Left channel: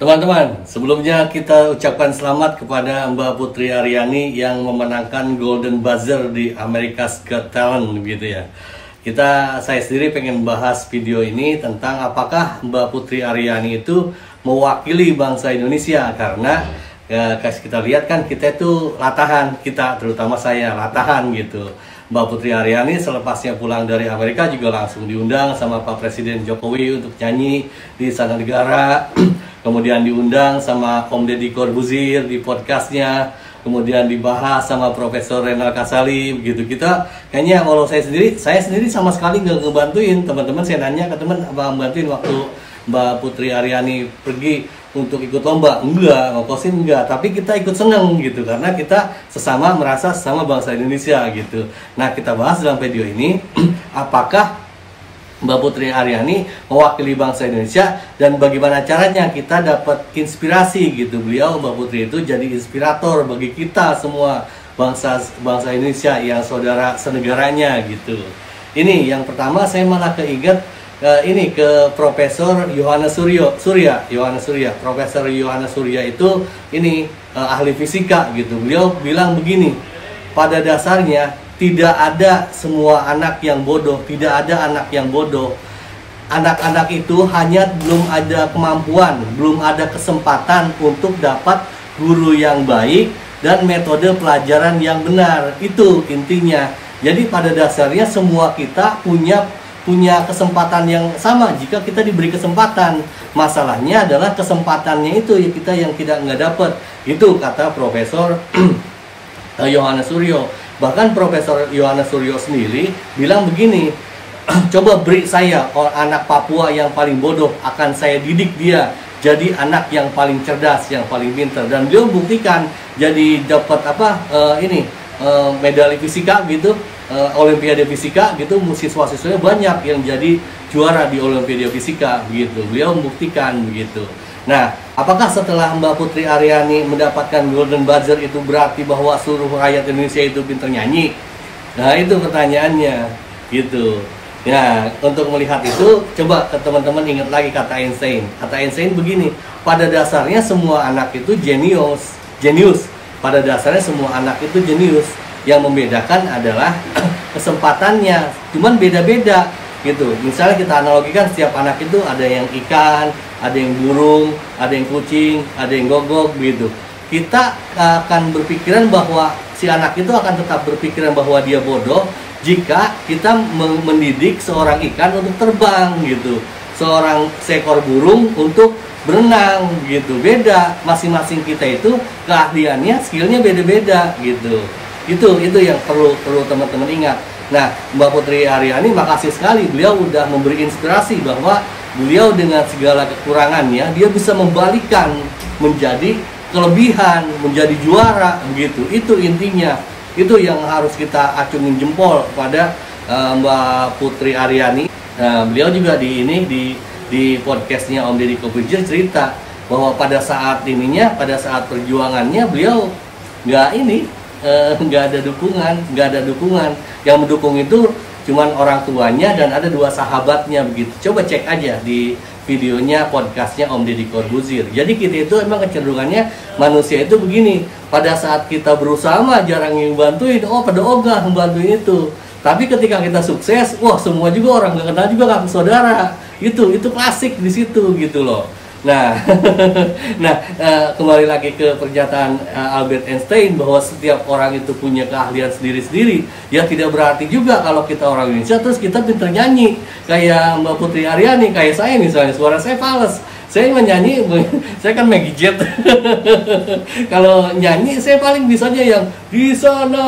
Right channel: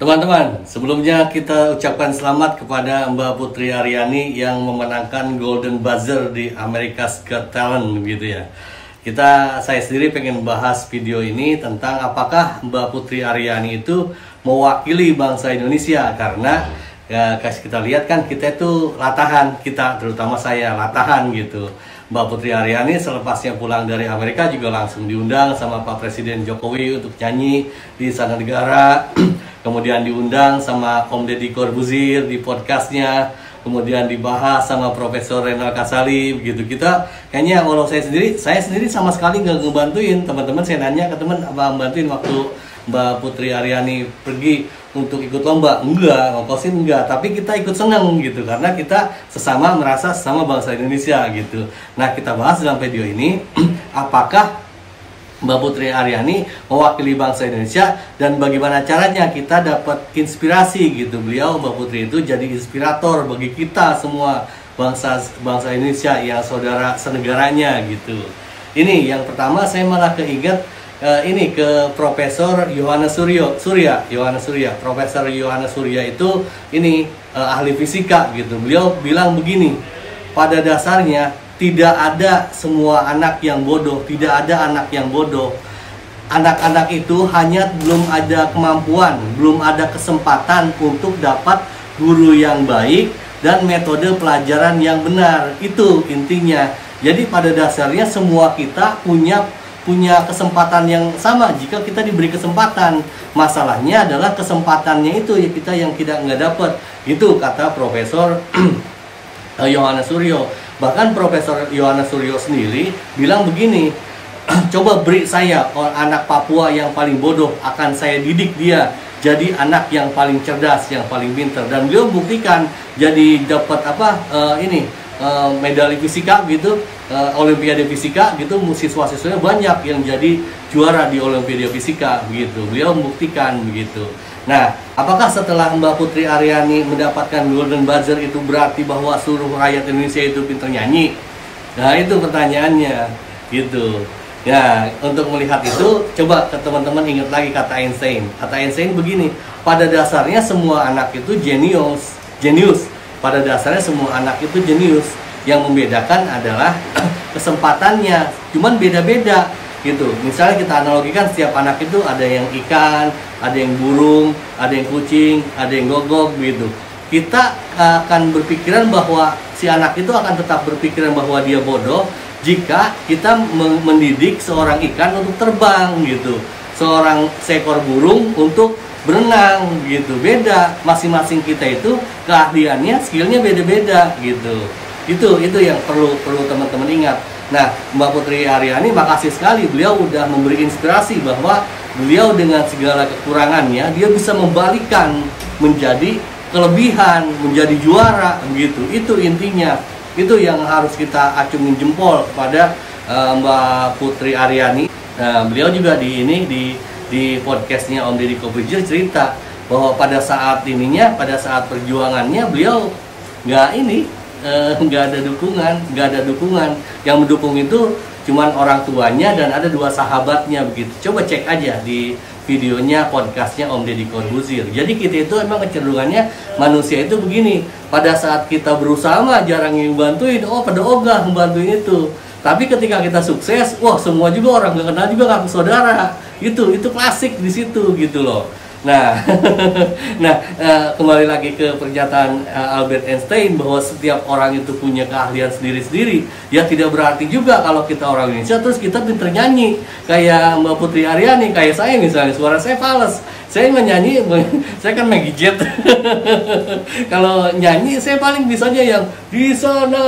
Teman-teman, sebelumnya kita ucapkan selamat kepada Mbak Putri Aryani yang memenangkan Golden Buzzer di America's Got Talent gitu ya. Saya sendiri pengen bahas video ini tentang apakah Mbak Putri Aryani itu mewakili bangsa Indonesia, karena ya kita lihat kan kita itu latahan, terutama saya latahan gitu. Mbak Putri Aryani selepasnya pulang dari Amerika juga langsung diundang sama Pak Presiden Jokowi untuk nyanyi di Istana Negara. Kemudian diundang sama Om Deddy Corbuzier di podcastnya. Kemudian dibahas sama Profesor Renal Kasali begitu. Kita kayaknya, walau saya sendiri sama sekali nggak ngebantuin teman-teman. Saya nanya ke teman, apa bantuin waktu Mbak Putri Aryani pergi untuk ikut lomba? Enggak, ngokosin enggak, tapi kita ikut seneng gitu, karena kita merasa sesama bangsa Indonesia gitu. Nah, kita bahas dalam video ini apakah Mbak Putri Aryani mewakili bangsa Indonesia dan bagaimana caranya kita dapat inspirasi gitu. Mbak Putri itu jadi inspirator bagi kita semua bangsa Indonesia yang saudara senegaranya gitu. Ini yang pertama, saya malah keinget ke Profesor Yohanes Surya. Profesor Yohanes Surya itu ahli fisika gitu. Beliau bilang begini, pada dasarnya tidak ada semua anak yang bodoh, tidak ada anak yang bodoh. Anak-anak itu hanya belum ada kemampuan, belum ada kesempatan untuk dapat guru yang baik dan metode pelajaran yang benar. Itu intinya. Jadi pada dasarnya semua kita punya kesempatan yang sama jika kita diberi kesempatan. Masalahnya adalah kesempatannya itu ya kita yang nggak dapat. Itu kata Profesor Yohanes Suryo. Bahkan Profesor Yohanes Suryo sendiri bilang begini, coba beri saya anak Papua yang paling bodoh, akan saya didik dia jadi anak yang paling cerdas, yang paling pintar. Dan beliau buktikan, jadi dapat medali fisika gitu, Olimpiade fisika gitu, siswa-siswanya banyak yang jadi juara di Olimpiade fisika begitu. Beliau membuktikan begitu. Nah, apakah setelah Mbak Putri Aryani mendapatkan Golden Buzzer itu berarti bahwa seluruh rakyat Indonesia itu pintar nyanyi? Nah, itu pertanyaannya gitu. Ya, untuk melihat itu, coba ke teman-teman ingat lagi kata Einstein. Kata Einstein begini, pada dasarnya semua anak itu jenius. Pada dasarnya semua anak itu jenius. Yang membedakan adalah kesempatannya, cuman beda-beda gitu. Misalnya kita analogikan, setiap anak itu ada yang ikan, ada yang burung, ada yang kucing, ada yang gogok begitu. Kita akan berpikiran bahwa si anak itu akan tetap berpikiran bahwa dia bodoh jika kita mendidik seorang ikan untuk terbang gitu, seekor burung untuk berenang gitu. Beda, masing-masing kita itu keahliannya, skillnya beda-beda gitu. Itu yang perlu teman-teman ingat. Nah, Mbak Putri Aryani makasih sekali, beliau udah memberi inspirasi bahwa beliau dengan segala kekurangannya dia bisa membalikkan menjadi kelebihan, menjadi juara begitu. Itu intinya. Itu yang harus kita acungin jempol kepada Mbak Putri Aryani. Beliau juga di podcastnya Om Deddy Corbuzier cerita bahwa pada saat perjuangannya beliau nggak ada dukungan. Yang mendukung itu cuman orang tuanya dan ada 2 sahabatnya begitu. Coba cek aja di videonya, podcastnya Om Deddy Corbuzier. Jadi kita itu emang kecenderungannya manusia itu begini, pada saat kita berusaha mah jarang yang bantuin, pada ogah membantuin itu. Tapi ketika kita sukses, wah semua juga orang nggak kenal juga ngaku saudara. Itu klasik di situ gitu loh. Nah, kembali lagi ke pernyataan Albert Einstein bahwa setiap orang itu punya keahlian sendiri-sendiri. Ya tidak berarti juga kalau kita orang Indonesia terus kita pinter nyanyi kayak Mbak Putri Aryani, kayak saya misalnya, suara saya fals. Saya menyanyi, saya kan Maggie Jet. Kalau nyanyi saya paling bisanya yang di sana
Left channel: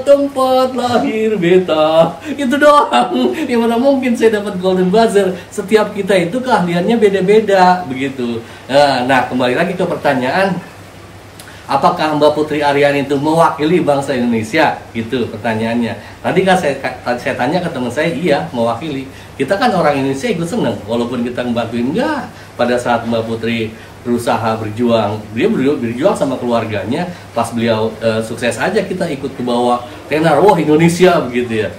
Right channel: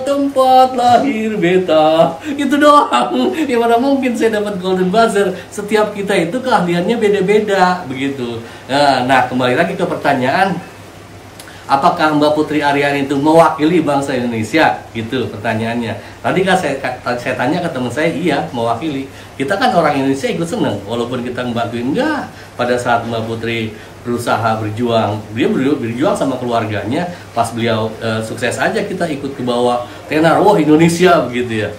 tempat lahir beta. Itu doang. Yang mana mungkin saya dapat Golden Buzzer. Setiap kita itu keahliannya beda-beda begitu. Nah, kembali lagi ke pertanyaan, apakah Mbak Putri Aryani itu mewakili bangsa Indonesia? Gitu pertanyaannya. Tadi kan saya tanya ke teman saya, iya mewakili. Kita kan orang Indonesia ikut seneng, walaupun kita ngebantuin enggak. Pada saat Mbak Putri berusaha berjuang, dia berjuang sama keluarganya. Pas beliau sukses aja, kita ikut ke bawah tenar, wah Indonesia begitu ya.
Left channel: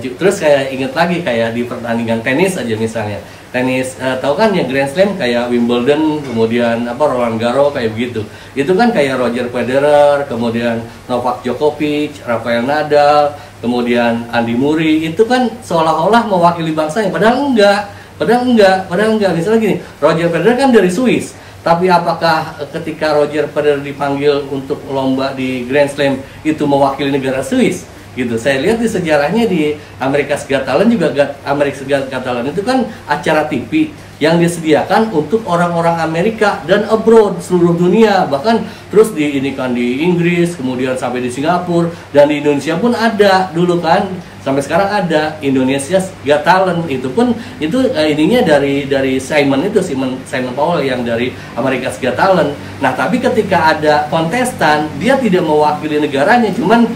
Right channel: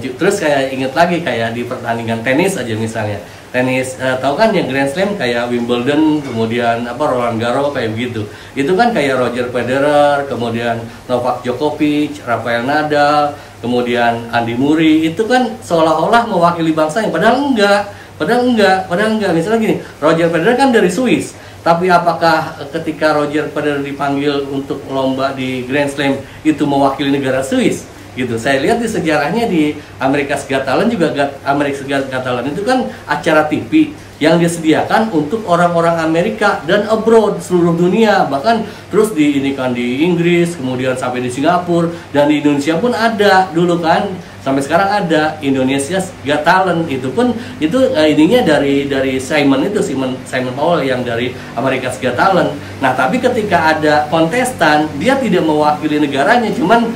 Terus kayak inget lagi kayak di pertandingan tenis aja misalnya. tenis tahu kan yang Grand Slam kayak Wimbledon, kemudian apa Roland Garros kayak begitu. Itu kan kayak Roger Federer, kemudian Novak Djokovic, Rafael Nadal, kemudian Andy Murray, itu kan seolah-olah mewakili bangsanya, padahal enggak. Misalnya gini, Roger Federer kan dari Swiss, tapi apakah ketika Roger Federer dipanggil untuk lomba di Grand Slam itu mewakili negara Swiss? Gitu. Saya lihat di sejarahnya di America's Got Talent juga, America's Got Talent itu kan acara TV yang disediakan untuk orang-orang Amerika dan abroad, seluruh dunia, bahkan terus diinikan di Inggris, kemudian sampai di Singapura, dan di Indonesia pun ada dulu kan, sampai sekarang ada Indonesia's Got Talent. Itu pun ininya dari Simon Powell yang dari America's Got Talent. Nah, tapi ketika ada kontestan, dia tidak mewakili negaranya, cuman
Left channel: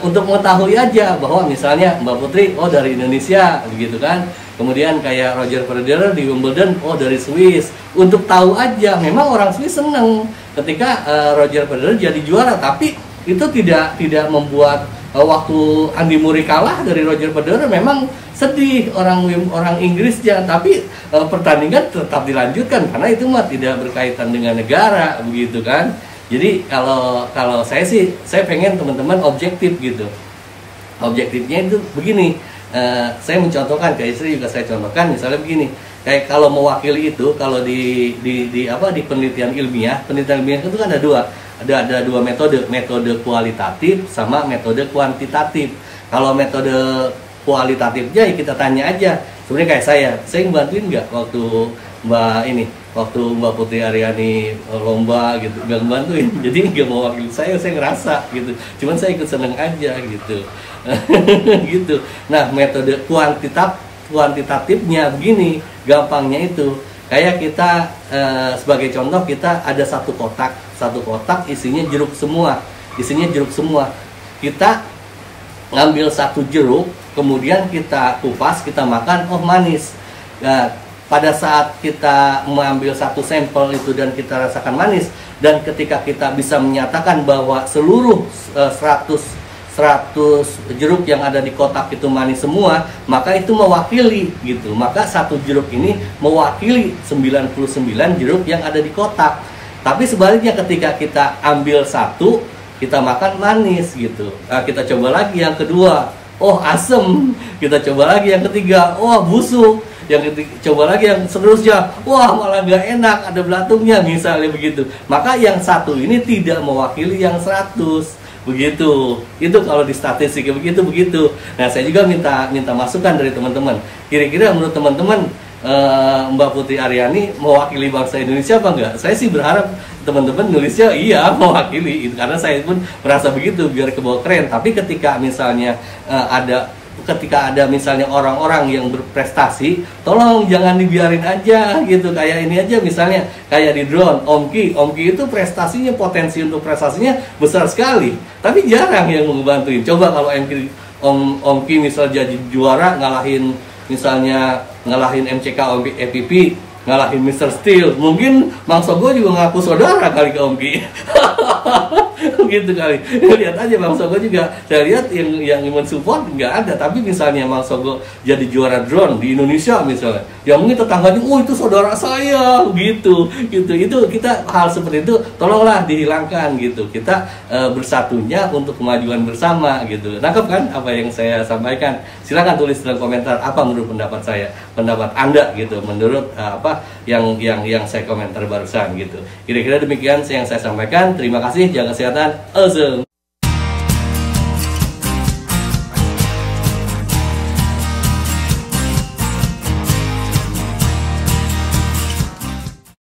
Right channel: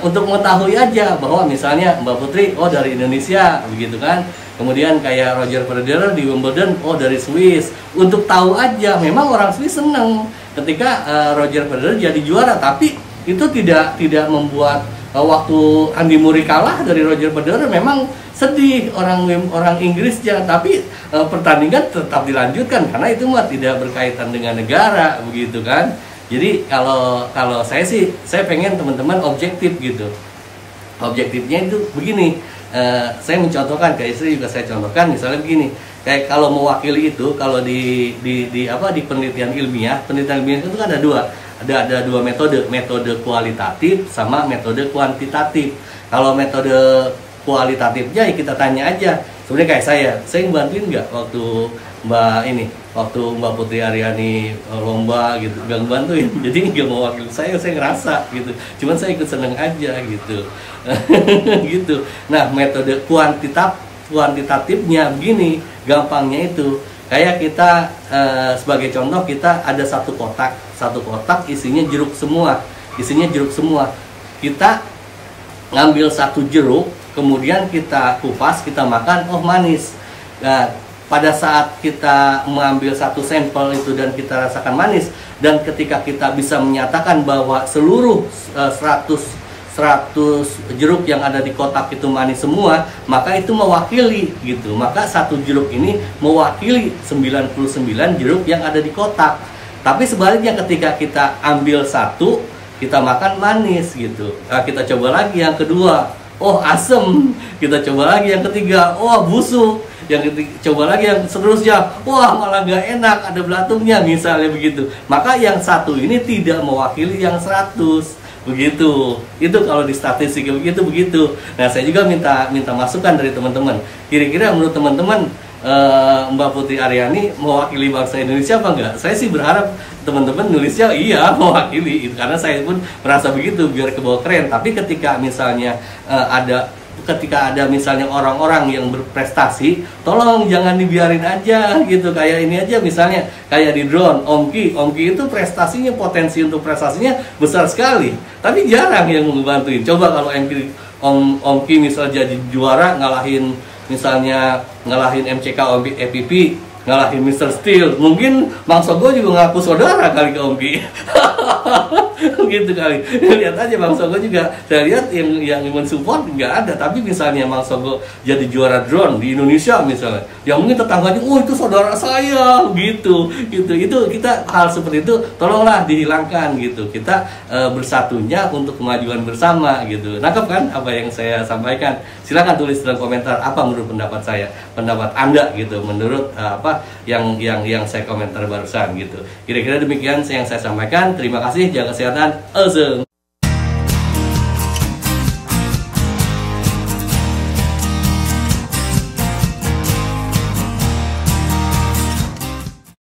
untuk mengetahui aja bahwa misalnya Mbak Putri, oh dari Indonesia, begitu kan. Kemudian kayak Roger Federer di Wimbledon, oh dari Swiss. Untuk tahu aja, memang orang Swiss seneng ketika Roger Federer jadi juara, tapi itu tidak membuat waktu Andy Murray kalah dari Roger Federer memang sedih orang Inggrisnya, tapi pertandingan tetap dilanjutkan karena itu mah tidak berkaitan dengan negara, begitu kan. Jadi kalau saya sih, saya pengen teman-teman objektif gitu. Objektifnya itu begini, saya mencontohkan ke istri juga saya contohkan, misalnya begini, kayak kalau mewakili itu, kalau di penelitian ilmiah itu kan ada dua metode kualitatif sama metode kuantitatif. Kalau metode kualitatifnya ya kita tanya aja, sebenarnya kayak saya ngebantuin nggak waktu Mbak Putri Aryani lomba gitu, nggak ngebantuin, jadi nggak mau wakil saya ngerasa gitu, cuman saya ikut seneng aja gitu. Gitu. Nah, metode kuantitatifnya begini, gampangnya itu kayak kita sebagai contoh, kita ada satu kotak isinya jeruk semua, kita ngambil satu jeruk, kemudian kita kupas, kita makan, oh manis. Nah, pada saat kita mengambil satu sampel itu dan kita rasakan manis, dan ketika kita bisa menyatakan bahwa seluruh 100 jeruk yang ada di kotak itu manis semua, maka itu mewakili gitu. Maka satu jeruk ini mewakili 99 jeruk yang ada di kotak. Tapi sebaliknya ketika kita ambil satu, kita makan manis gitu. Nah, kita coba lagi yang kedua, oh asem. Kita coba lagi yang ketiga, oh busuk. Yang ketiga, coba lagi yang seterusnya, wah malah gak enak, ada belatungnya misalnya begitu. Maka yang satu ini tidak mewakili yang 100, begitu. Itu kalau di statistik begitu. Nah, saya juga minta masukan dari teman-teman. Kira-kira menurut teman-teman Mbak Putri Aryani mewakili bangsa Indonesia apa enggak? Saya sih berharap teman-teman nulisnya iya mewakili, karena saya pun merasa begitu biar kebawa keren. Tapi ketika misalnya ada misalnya orang-orang yang berprestasi, tolong jangan dibiarin aja gitu. Kayak ini aja misalnya, kayak di drone, Omki itu prestasinya, potensi untuk prestasinya besar sekali, tapi jarang yang ngebantuin. Coba kalau Omki misal jadi juara, ngalahin MCK EPP, ngalahin Mr. Steel, mungkin Bang Sogo juga ngaku saudara kali ke Omki. Gitu kali. Lihat aja Bang Sogo juga, saya lihat yang mensupport nggak ada, tapi misalnya Bang Sogo jadi juara drone di Indonesia misalnya, yang mungkin tetangganya, oh itu saudara saya, gitu. Itu kita hal seperti itu tolonglah dihilangkan gitu. Kita bersatunya untuk kemajuan bersama gitu. Nangkep kan apa yang saya sampaikan? Silakan tulis dalam komentar apa menurut pendapat Anda gitu, menurut apa yang saya komentar barusan gitu. Kira-kira demikian yang saya sampaikan. Terima kasih, jaga kesehatan. Awesome.